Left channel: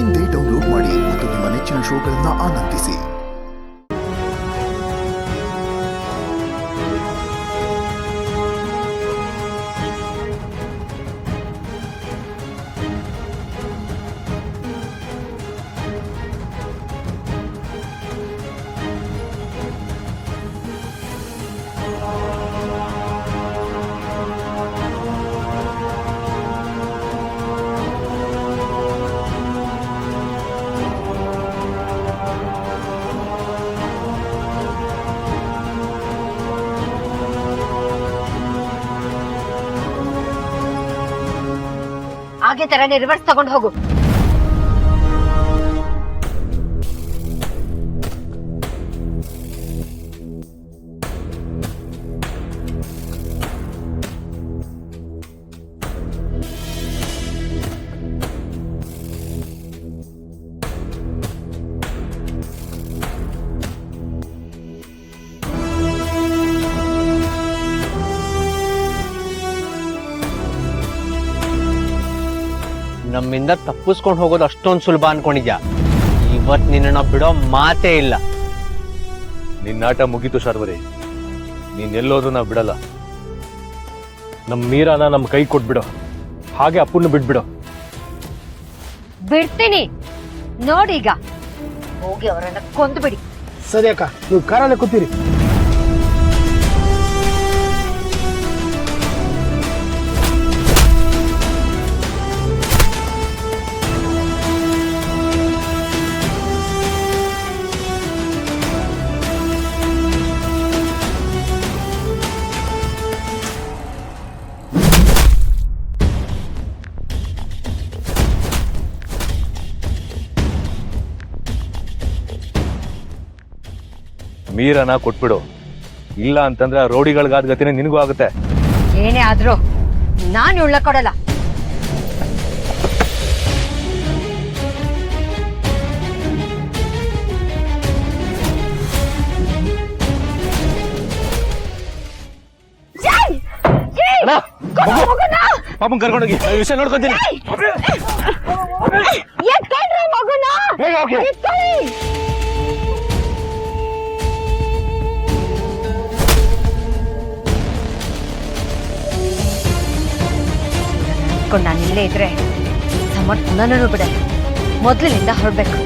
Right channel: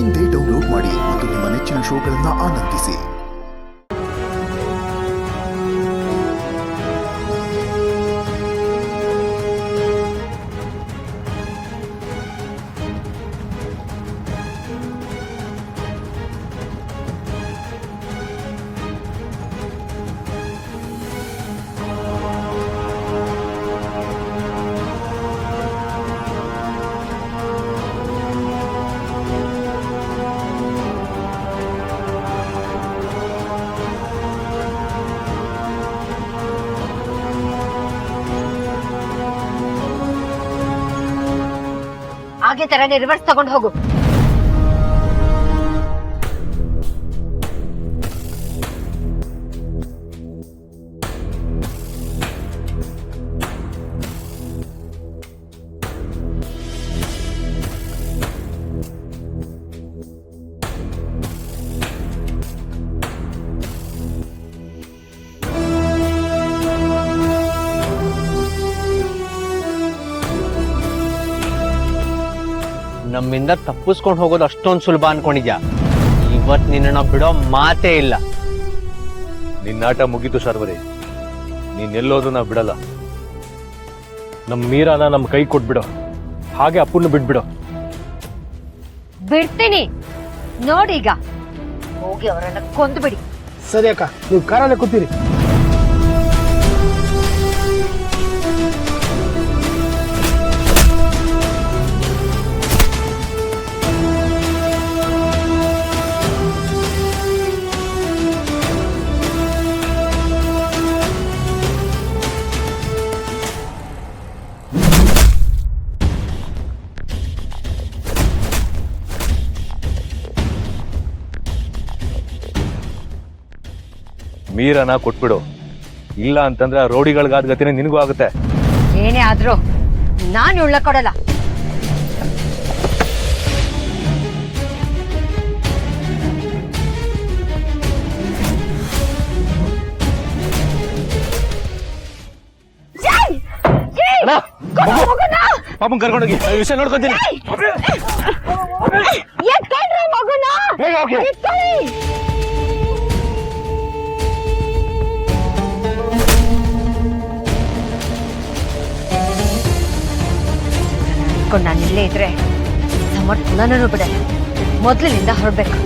ಇಂದೇ ಡೌನ್ಲೋಡ್ ಮಾಡಿ ಮತ್ತು ನಿಮ್ಮ ನೆಚ್ಚಿನ ಶೋಗಳನ್ನು ಆನಂದಿಸಿ. ಹಾಗೆ ತರನೇ ರಿವರ್ಸ್ ತಗೊಂಡು ಹೋಗು. ನಮ್ಮಿಂದ ತಪ್ಪಿಸ್ಕೊಂಡು ಹೋಗೋದು ಅಷ್ಟೊಂದು ಸುಲಭ ಅನ್ಕೊಂಡಿದ್ಯಾ? ಇವತ್ ನಿನ್ನ ಬಿಡೋ ಮಾತೇ ಇಲ್ಲ. ನಿನ್ನಾಟ ಮುಗೀತು ಶಾರ್ವರಿ. ನೀನೆಲ್ಲೋದು ನಾವು ಬಿಡಲ್ಲ. ನಮ್ ಮೀರಾನ ನಮ್ ಕೈ ಕೊಟ್ಬಿಡು, ಹಾಗೆ ಅಪ್ಪನ್ನು ಬಿಟ್ಬಿಡು. ಬಿಡ್ತೀನಿ ನೋಡೀಗ, ಹೋಗಿ ಅವರನ್ನ ಕೊಂದು ಬಿಡಿ. ಸರಿ ಅಕ್ಕ, ನೀವು ಕಾರಲ್ಲೇ ಕೂತೀರಿ. ಮೀರನ ಕೊಟ್ಬಿಡು, ಇಲ್ಲ ಅಂತಂದ್ರೆ ರೋಡಿಗಳಿಗಾದ ಗತಿನೇ ನಿನಗೂ ಆಗುತ್ತೆ. ಏನೇ ಆದ್ರೂ ನಾನು ಉಳ್ಳ ಕೊಡಲ್ಲ. ಪಾಪನ್ ಕರ್ಕೊಂಡೋಗಿ ವಿಷಯ ನೋಡ್ಕೊಂತೀನಿ. ನಾನು ಇಲ್ಲೇ ಇದ್ರೆ ಸಮರ್ಥ್ ನನ್ನನ್ನು ಬಿಡಲ್ಲ. ಮೊದಲಿನಿಂದ ಹೊರಡ್ಬೇಕು.